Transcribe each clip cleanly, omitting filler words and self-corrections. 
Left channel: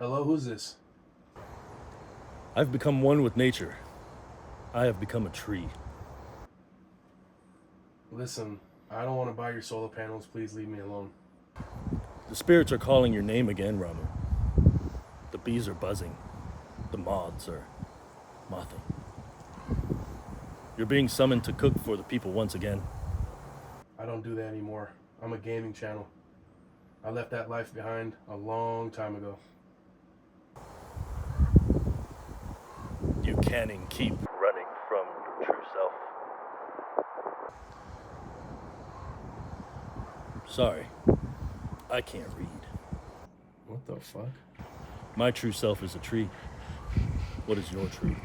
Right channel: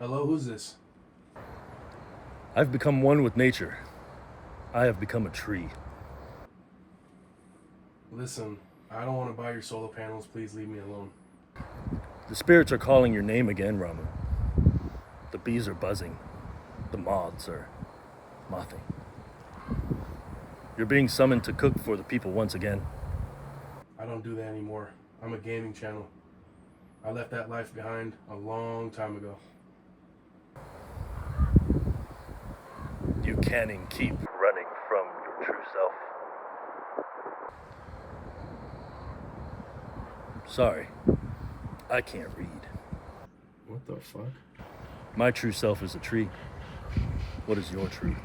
Hello, who's this? I've become one with nature. I have become a tree. Listen, I don't want to buy your solar panels. Please leave me alone. The spirits are calling your name again, Ramu. The bees are buzzing. The moths are mothing. You're being summoned to cook for the people once again. I don't do that anymore. I'm a gaming channel. I left that life behind a long time ago. You can and keep running from your true self. Sorry, I can't read. What the fuck? My true self is a tree. What is your true?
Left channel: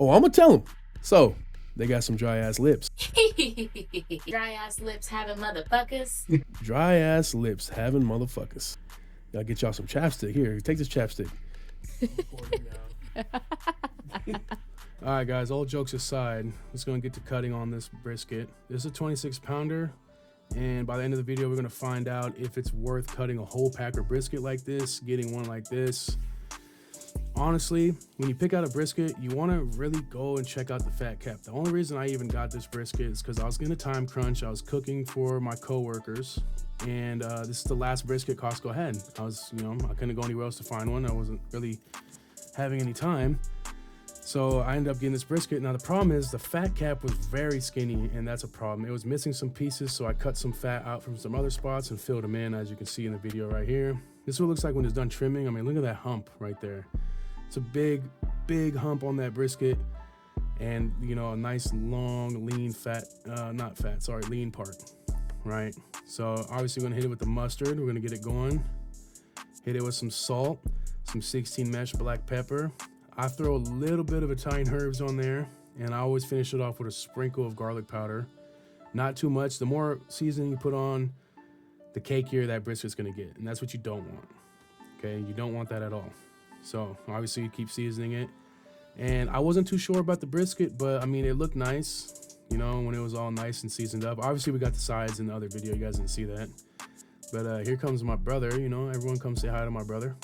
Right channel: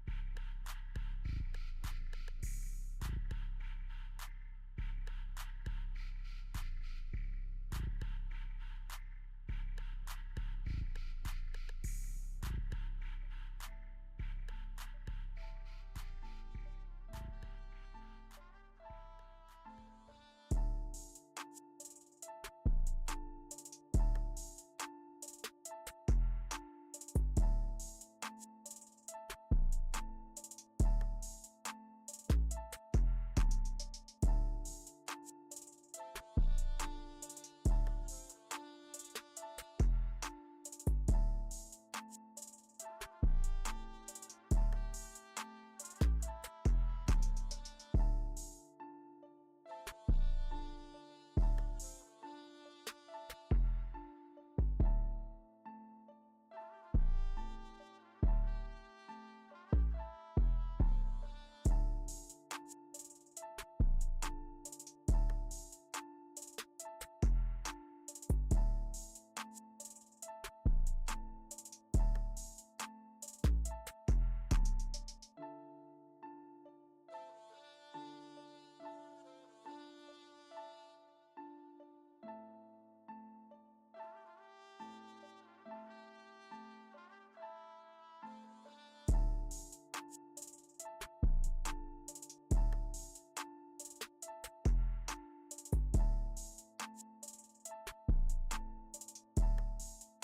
Oh, I'm gonna tell him. So, they got some dry ass lips. Dry ass lips having motherfuckers. Dry ass lips having motherfuckers. Gotta get y'all some chapstick. Here, take this chapstick. All right, guys, all jokes aside, let's go and get to cutting on this brisket. This is a 26 pounder, and by the end of the video, we're gonna find out if it's worth cutting a whole pack of brisket like this, getting one like this. Honestly, when you pick out a brisket, you want to really go and check out the fat cap. The only reason I even got this brisket is because I was in a time crunch. I was cooking for my coworkers, and this is the last brisket Costco had. I couldn't go anywhere else to find one. I wasn't really having any time, so I ended up getting this brisket. Now the problem is the fat cap was very skinny, and that's a problem. It was missing some pieces, so I cut some fat out from some other spots and filled them in, as you can see in the video right here. This is what it looks like when it's done trimming. I mean, look at that hump right there. It's a big hump on that brisket, and a nice long lean lean part, right? So obviously we're gonna hit it with the mustard. We're gonna get it going. Hit it with some salt, some 16 mesh black pepper. I throw a little bit of Italian herbs on there, and I always finish it off with a sprinkle of garlic powder. Not too much. The more seasoning you put on, the cakier that brisket's gonna get, and that's what you don't want. Okay, you don't want that at all. So obviously you keep seasoning it. And I wasn't too sure about the brisket, but I mean, it looked nice, when it was all nice and seasoned up. Obviously we got the sides in the other video, you guys didn't see that. But here comes my brother, everyone come say hi to my brother.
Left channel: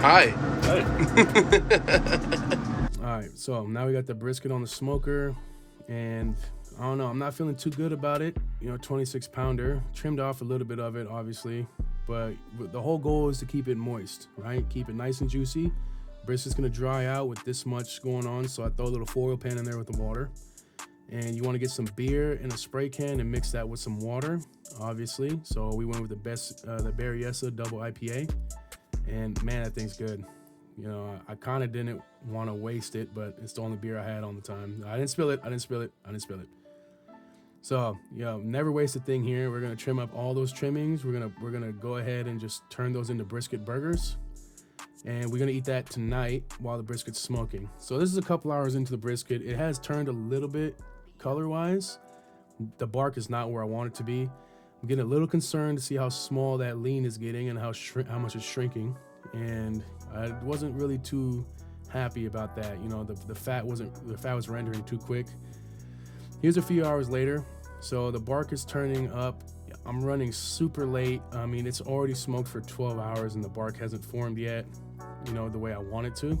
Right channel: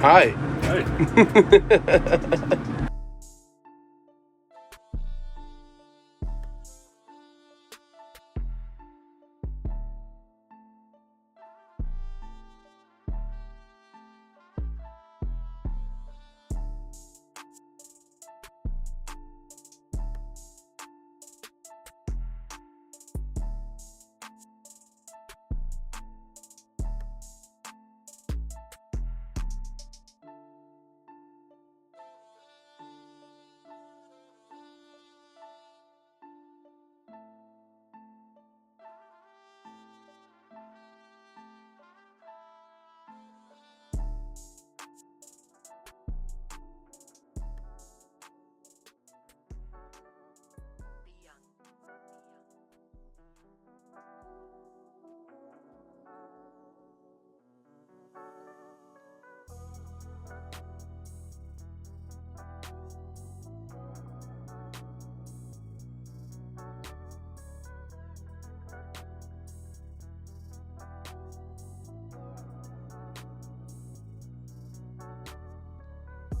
Hi. All right, so now we got the brisket on the smoker, and I don't know, I'm not feeling too good about it. 26 pounder, trimmed off a little bit of it, obviously, but the whole goal is to keep it moist, right? Keep it nice and juicy. Brisket's gonna dry out with this much going on, so I throw a little foil pan in there with the water. And you want to get some beer in a spray can and mix that with some water, obviously. So we went with the Brisket double IPA, and man, that thing's good. I kind of didn't want to waste it, but it's the only beer I had on the time. I didn't spill it. So, never waste a thing here. We're gonna trim up all those trimmings. We're gonna go ahead and just turn those into brisket burgers, and we're gonna eat that tonight while the brisket's smoking. So this is a couple hours into the brisket. It has turned a little bit color-wise. The bark is not where I want it to be. I'm getting a little concerned to see how small that lean is getting and how much it's shrinking, and I wasn't really too happy about that. The fat was rendering too quick. Here's a few hours later. So the bark is turning up. I'm running super late. I mean, it's already smoked for 12 hours and the bark hasn't formed yet, the way I want it to.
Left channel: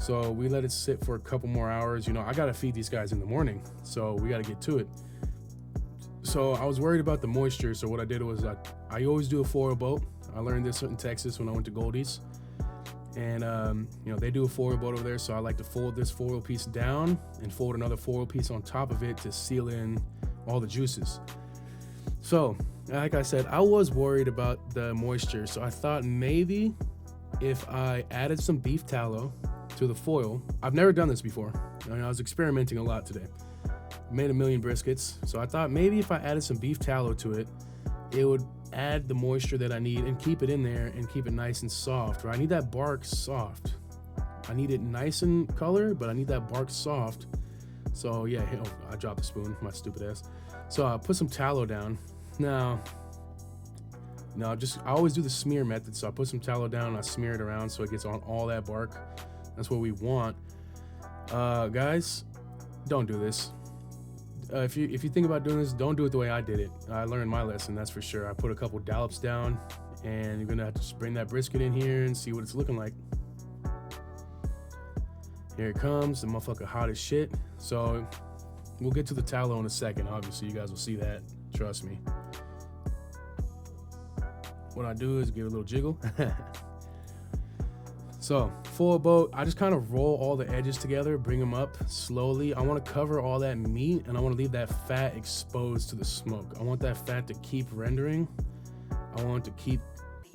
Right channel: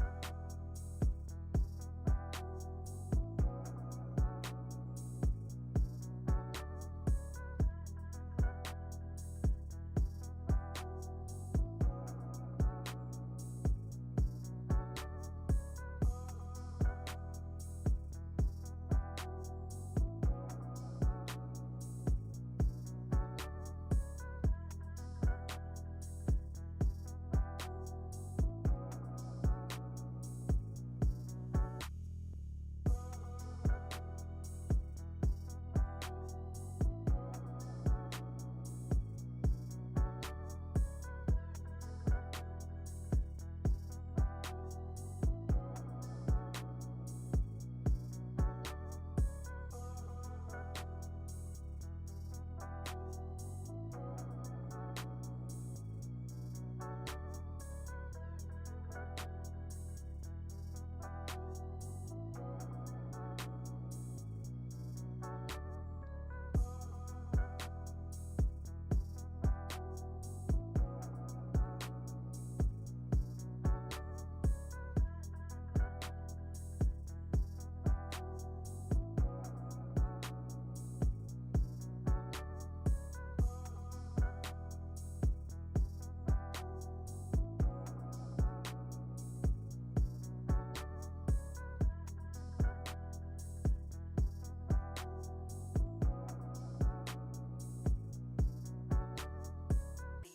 So we let it sit for a couple more hours. I gotta feed these guys in the morning, so we gotta get to it. So I was worried about the moisture, so what I did was I always do a foil boat. I learned this in Texas when I went to Goldie's, and they do a foil boat over there, so I like to fold this foil piece down and fold another foil piece on top of it to seal in all the juices. So like I said, I was worried about the moisture, so I thought maybe if I added some beef tallow to the foil. I've never done this before. I was experimenting a lot today. Made a million briskets, so I thought maybe if I added some beef tallow to it, it would add the moisture that I need and keep it in there and keep it nice and soft, right? I need that bark soft. I need it nice in color, but I need that bark soft. So yeah, oh, I dropped the spoon, my stupid ass. So I put some tallow down. Now, I always do the smear method. So I put some tallow down and I smear it around so it gets on all that bark. That's what we want. Guys, don't do this. If you think about doing this, don't do it the way I did it. I learned my lesson, that's for sure. I put a couple dollops down, and you're gonna have to just bring that brisket in here and see what it's looking like. Here it comes, the motherfucker hot as shit. So we'll get to the tallow in a second. Obviously, you guys will see that. Trust me. What I do is give it a little jiggle. So full boat, I just kind of roll all the edges together, bring them up slowly. I want to cover all that meat, and I want to leave that fat exposed to the smoke. I want that fat to keep rendering. I want it to keep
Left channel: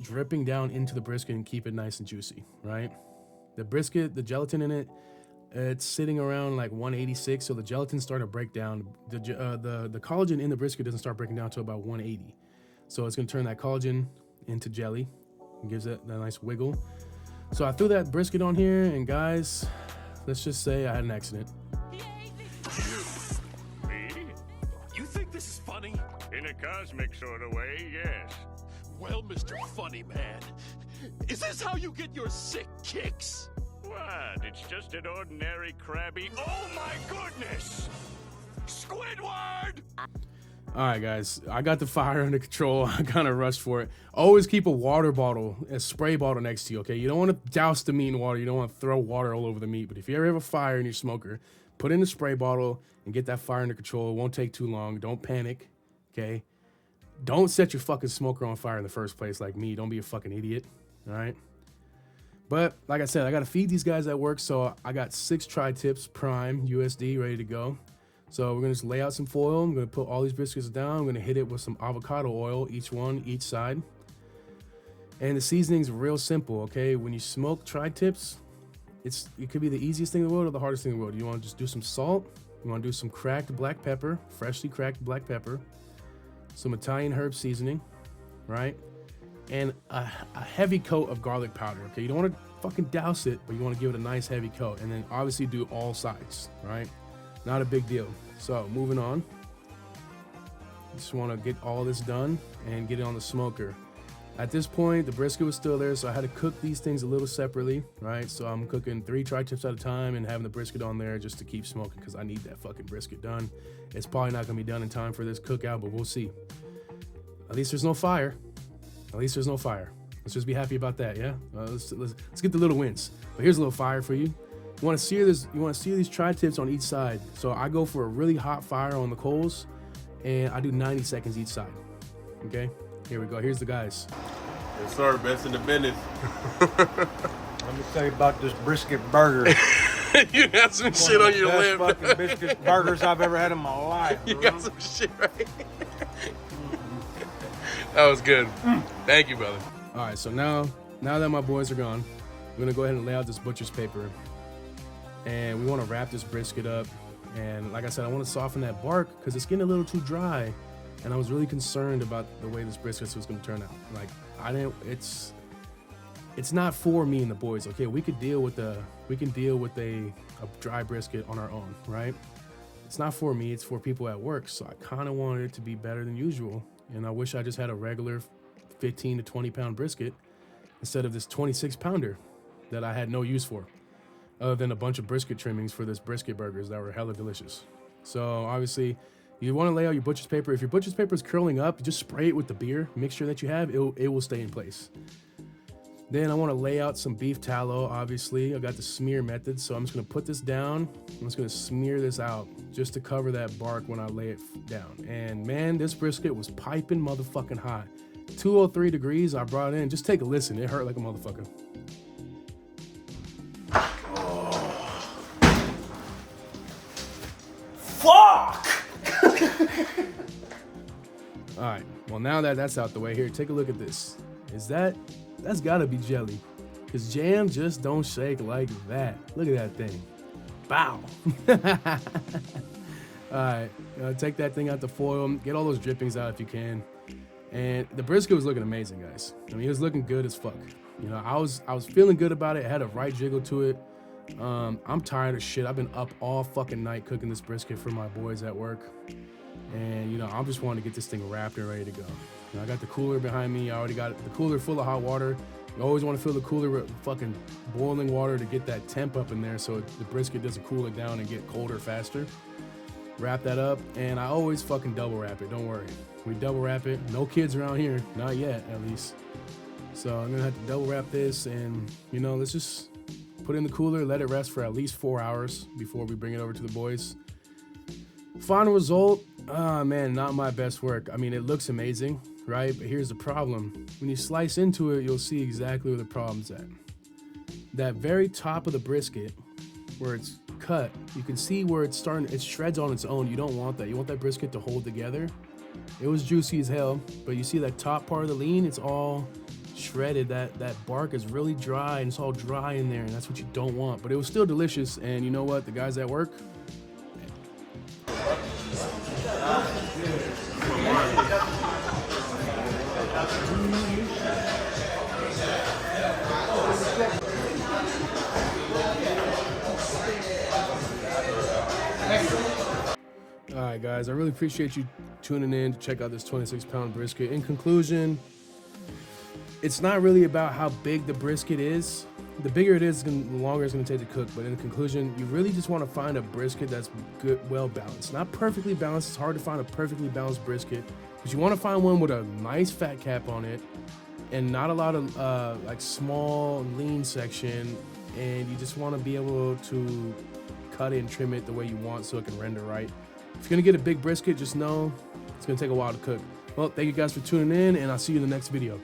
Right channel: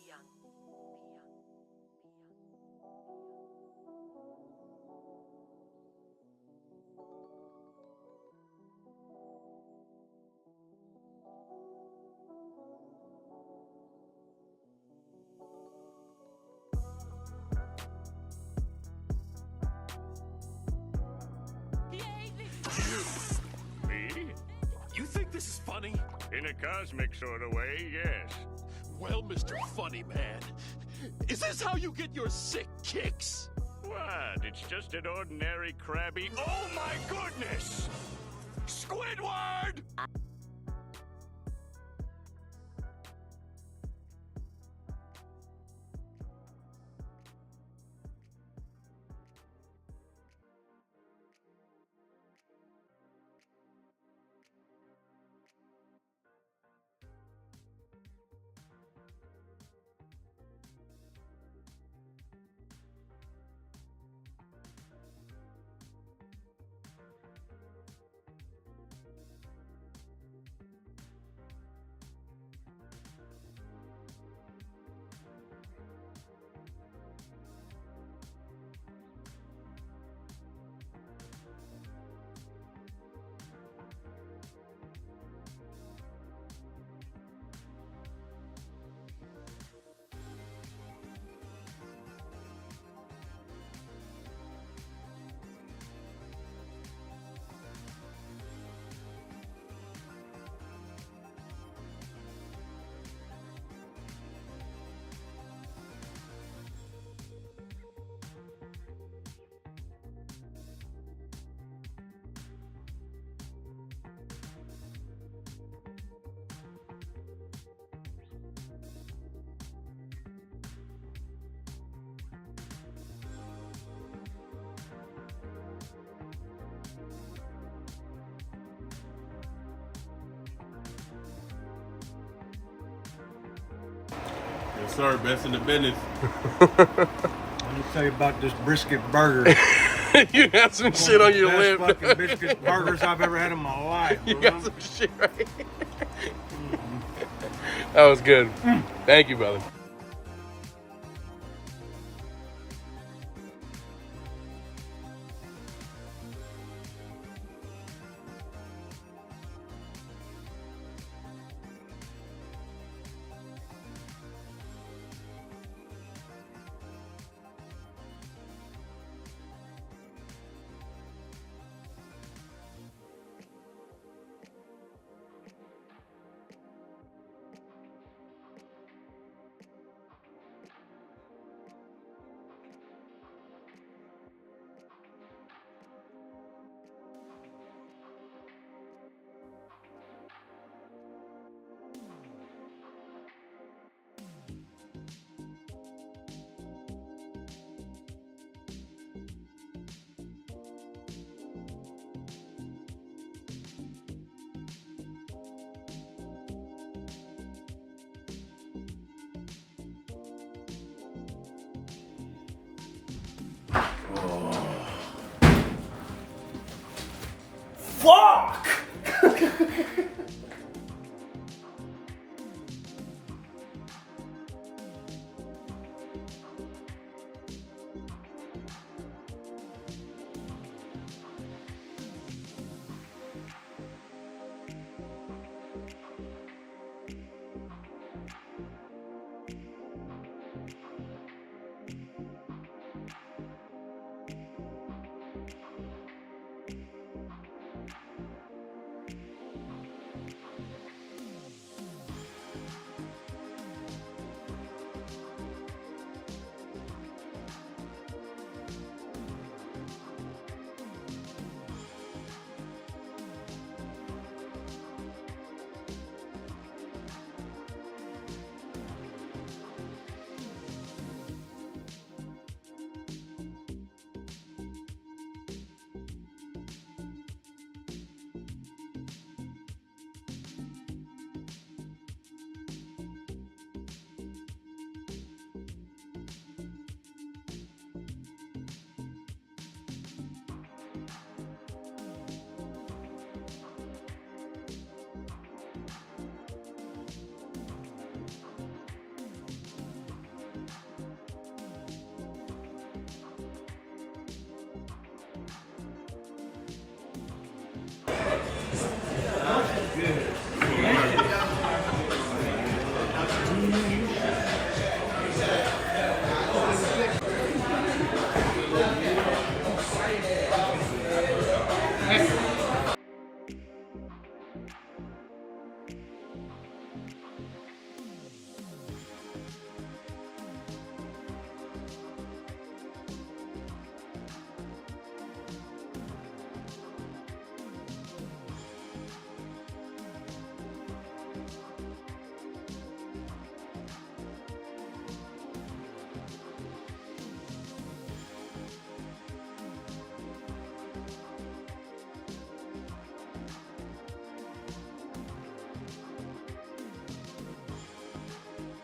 dripping down into the brisket and keep it nice and juicy, right? The brisket, the gelatin in it, it's sitting around like 186, so the gelatin's starting to break down. The collagen in the brisket doesn't start breaking down until about 180. So it's gonna turn that collagen into jelly and gives it that nice wiggle. So I threw that brisket on here, and guys, let's just say I had an accident. Me? You think this is funny? In a cosmic sort of way, yes. Well, Mr. Funny Man, is this how you get your sick kicks? What? It's just an ordinary crabby... Oh my goodness! Squidward! All right, guys, I got the fire under control. I kind of rushed for it. Always keep a water bottle, a spray bottle next to you, okay? You don't want to douse the meat in water. You don't want to throw water all over the meat. But if you ever have a fire in your smoker, put in a spray bottle and get that fire under control. It won't take too long. Don't panic, okay? Don't set your fucking smoker on fire in the first place like me. Don't be a fucking idiot, all right? But like I said, I got to feed these guys at work, so I got 6 Tritips Prime USD ready to go. So we're gonna just lay out some foil. I'm gonna put all these briskets down. I'm gonna hit it with some avocado oil, each side. And the seasoning's real simple, okay? When you smoke Tri-Tips, it could be the easiest thing in the world or the hardest thing in the world. You wanna just do some salt. You wanna do some cracked black pepper, freshly cracked black pepper, some Italian herb seasoning, right? And a heavy coat of garlic powder, okay? You don't wanna fucking douse it, but you wanna give it a nice heavy coat. And then obviously do all sides, right? Not a big deal. So moving on. Just want to get all this done and get it on the smoker. At this point, the brisket was still there, so I had to cook these things a little separately, right? So I'm cooking 3 Tri-Tips at a time and having the brisket on there just to keep smoking because I need that fucking brisket done. It's probably not going to be done in time for this cookout, but we'll see. At least there's no fire. At least there's no fire. Let's just be happy about that, yeah? Let's get the little wins. But here's a little fire for you. You want to sear this. You want to sear these Tri-Tips on each side. So I go for a really hot fire on the coals, and I do 90 seconds each side. Okay, here we go. Here's the guys. Yes, sir. Best in the business. Let me tell you about this brisket burger. You got some shit on your lip. Best fucking brisket burgers I've ever had in my life. You got some shit right. That was good. Thank you, brother. All right, so now that my boys are gone, I'm gonna go ahead and lay out this butcher's paper. And we want to wrap this brisket up. And like I said, I want to soften that bark because it's getting a little too dry. And I was really concerned about the way this brisket was going to turn out. Like, it's not for me and the boys. Okay, we can deal with a dry brisket on our own, right? It's not for me. It's for people at work. So I kind of wanted it to be better than usual. And I wish I just had a regular 15 to 20 pound brisket instead of this 26 pounder that I had no use for, other than a bunch of brisket trimmings for this brisket burgers that were hella delicious. So obviously, you want to lay out your butcher's paper. If your butcher's paper is curling up, just spray it with the beer mixture that you have. It will stay in place. Then I want to lay out some beef tallow. Obviously, I got the smear method, so I'm just going to put this down. I'm just going to smear this out just to cover that bark when I lay it down. And man, this brisket was piping motherfucking hot. 203 degrees. I brought it in. Just take a listen. It hurt like a motherfucker. Fuck! All right, well now that that's out the way, here, take a look at this. That's gotta be jelly, because jam just don't shake like that. Look at that thing. Bow. All right, take that thing out the foil, get all those drippings out if you can. And the brisket was looking amazing, guys. I mean, it was looking good as fuck. You know, I was feeling good about it. It had a right jiggle to it. I'm tired of shit. I've been up all fucking night cooking this brisket for my boys at work. And, you know, I'm just wanting to get this thing wrapped and ready to go. You know, I got the cooler behind me. I already got the cooler full of hot water. You always want to fill the cooler with fucking boiling water to get that temp up in there so the brisket doesn't cool it down and get colder faster. Wrap that up, and I always fucking double wrap it. Don't worry. We double wrap it. No kids around here. Not yet, at least. So I'm going to have to double wrap this, and, you know, let's just put it in the cooler, let it rest for at least 4 hours before we bring it over to the boys. Final result, man, not my best work. I mean, it looks amazing, right? But here's the problem. When you slice into it, you'll see exactly where the problem's at. That very top of the brisket, where it's cut, you can see where it's starting, it shreds on its own. You don't want that. You want that brisket to hold together. It was juicy as hell, but you see that top part of the lean, it's all shredded. That bark is really dry, and it's all dry in there, and that's what you don't want. But it was still delicious, and you know what? The guys at work, all right, guys, I really appreciate you tuning in to check out this 26-pound brisket. In conclusion, it's not really about how big the brisket is. The bigger it is, the longer it's going to take to cook. But in conclusion, you really just want to find a brisket that's good, well balanced. Not perfectly balanced. It's hard to find a perfectly balanced brisket, but you want to find one with a nice fat cap on it and not a lot of like small lean section. And you just want to be able to cut it and trim it the way you want so it can render right. If you're gonna get a big brisket, just know it's gonna take a while to cook. Well, thank you guys for tuning in, and I'll see you in the next video.